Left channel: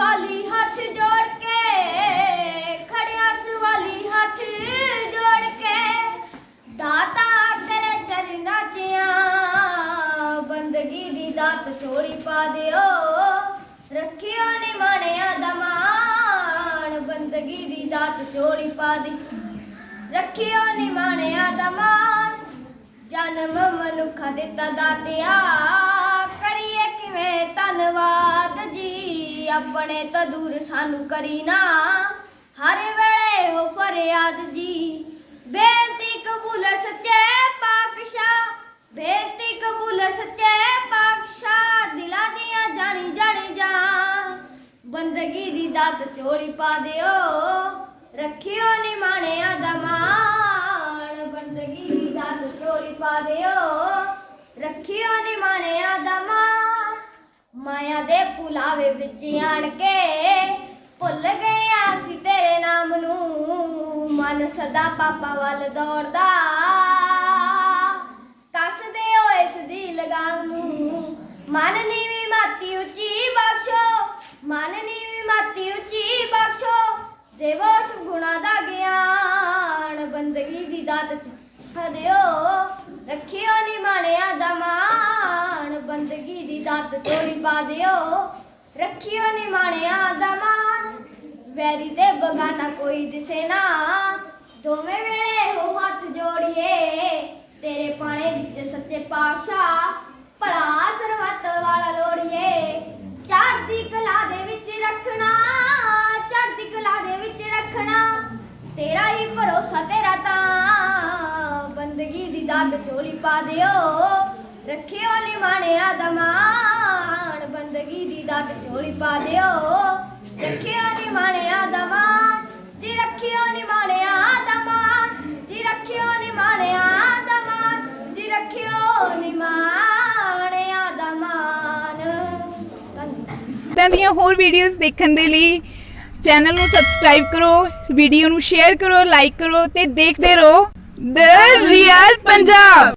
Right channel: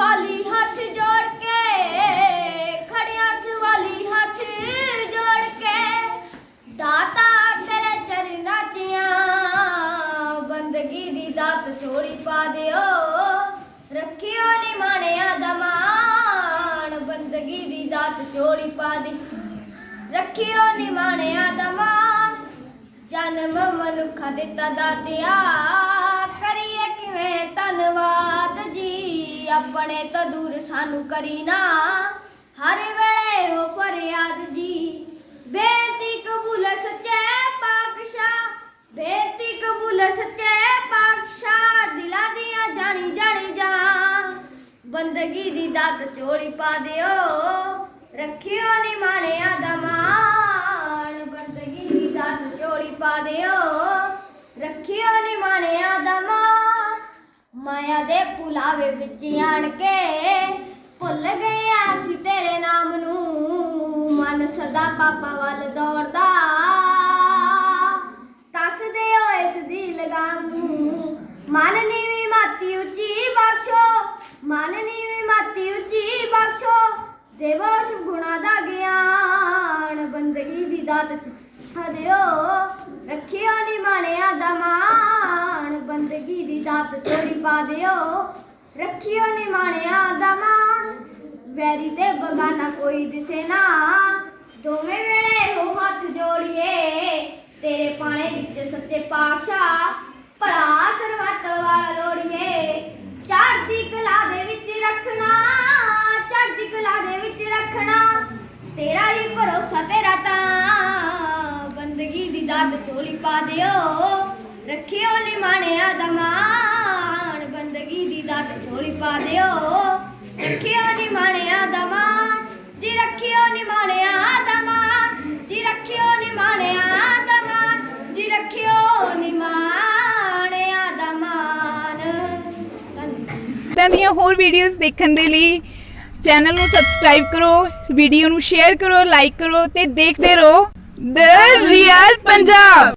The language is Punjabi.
ਸਵਾਲੀ ਹੱਥ ਜੋੜ ਕੇ, ਖੜਿਆ ਸਵਾਲੀ ਹੱਥ ਜੋੜ ਕੇ। ਦਾਤਾ ਤੇਰੇ ਚਰਨਾਂ 'ਚ ਆ ਬੰਦਗੀ ਦੀ ਦਾਤ ਚੋੜੀ ਪਾ ਦਿਓ। ਰੱਖਿਓ ਨਿਮਾਣਿਆ ਦਮਾਨ ਬੰਦਗੀ ਦੀ ਦਾਤ ਚੋੜੀ ਪਾ ਦੇ। ਰੱਖਿਓ ਨਿਮਾਣਿਆ ਦਮਾਨ ਜਨਮ ਮਨੁੱਖਾ ਦਿੱਤਾ ਦਾਤਿਆ। ਆਪਣੇ ਤੋਂ ਦੂਰ ਸਾਨੂੰ ਕਰੀ ਨਾ। ਹਰ ਵੇਲੇ ਹੋ ਫਰਿਆਦ ਜੀ। ਬੇਨਤੀ ਕਬੂਲ ਸੱਚੇ ਪਾਤਸ਼ਾਹ। ਬੇਨਤੀ ਕਬੂਲ ਸੱਚੇ ਪਾਤਸ਼ਾਹ। ਦਿਲਾਂ ਦੀਆਂ ਜਾਣੀ ਜਾਣੀ ਜਾ ਬੰਦਗੀ ਦੀ ਦਾਤ ਚੋੜੀ ਪਾ ਦਿਓ। ਰੱਖਿਓ ਨੀ ਦਾ ਦਮਾਨ ਬੰਦਗੀ ਦੀ ਦਾਤ ਚੋੜੀ ਪਾ ਦਿਓ। ਰੱਖਿਓ ਨੀ ਮਾਣਿਆ ਮਾਇਆ ਦੇ ਪੁਲਾਵੇ ਵਿੱਚ ਆਣ ਕੇ ਭੁੱਲ ਗਿਆ ਸੀ ਤੇਰੇ ਨਾਮ ਨੂੰ। ਮਨ ਸਦਾ ਪਾਪਾ ਵੱਲ ਦੌੜਦਾ। ਕੱਸਦੇ ਹੋ ਇਸ ਦੀ ਲਗਾਮ ਨੂੰ। ਮਨ ਨੀਵੀਂ ਮਾਤੀ ਉੱਚੀ ਬਖਸ਼ੋ। ਮਨ ਨੀਵੀਂ ਮਾਤੀ ਉੱਚੀ ਬਖਸ਼ੋ। ਦੇਵੋ ਗੁਣਾ ਦਾ ਗਿਆਨ ਬੰਦਗੀ ਦੀ ਦਾਤ ਚ ਦਿਓ। ਰੱਖਿਓ ਨੀ ਮਾਣਿਆ ਦਮਾਨ ਬੰਦਗੀ ਦੀ ਦਾਤ ਚੋਰੀ ਪਾ ਦਿਓ। ਰੱਖਿਓ ਨੀ ਦਾ ਮਾਣ। ਵੈਰੀ ਤੇ ਬਗਾਨਾ ਕੋਈ ਦਿਸੇ ਨਾ। ਦੋਵੇਂ ਵੇਲੇ ਹੋ ਹੱਥ ਜੋੜੀਏ। ਤੇਰੇ ਪਾਣੇ ਵਿੱਚ ਸੱਚੇ ਪਾਤਸ਼ਾਹ, ਭਲਾ ਸਰਬੱਤ ਵਾਲਾ ਲੋੜੀਏ। ਚੜ੍ਹਦੀ ਕਲਾ ਦੇ ਵਿੱਚ ਰੱਖਣਾ, ਚੜ੍ਹਦੀ ਕਲਾ ਦੇ ਵਿੱਚ ਰੱਖਣਾ। ਤੇਰਾ ਹੀ ਭਰੋਸਾ ਤੇਰਾ ਤਾਂ। ਬੰਦਗੀ ਦੀ ਦਾਤ ਚੋਲੀ ਪਾ ਦਿਓ। ਰੱਖਿਓ ਨੀ ਮਾਣਿਆ ਦਮਾਨ ਬੰਦਗੀ ਦੀ ਦਾਤ ਚੋਲੀ ਪਾ ਦਿਓ। ਰੱਖਿਓ ਨੀ ਮਾਣਿਆ ਦਮਾਨ ਜੀ ਰੱਖਿਓ ਨੀ ਮਾਣਿਆ ਦਮਾਨ ਜੀ ਰੱਖਿਓ ਨੀ ਮਾਣਿਆ ਦਮਾਨ ਜੀ ਰੱਖਿਓ ਨੀ ਮਾਣਿਆ ਦਮਾਨ ਧੰਨਵਾਦ। ਦੀਆਂ ਹੋਰ ਵੀਡੀਓਜ਼ ਦੇਖਣ ਦੇ ਲਈ ਚੈਨਲ ਨੂੰ ਸਬਸਕ੍ਰਾਈਬ ਕਰੋ ਵੀਡੀਓ ਨੂੰ ਸ਼ੇਅਰ ਕਰੋ ਲਾਈਕ ਕਰੋ ਤੇ ਦੇਖਦੇ ਰਹੋ। ਦ ਰੀਅਲ ਪੰਜਾਬ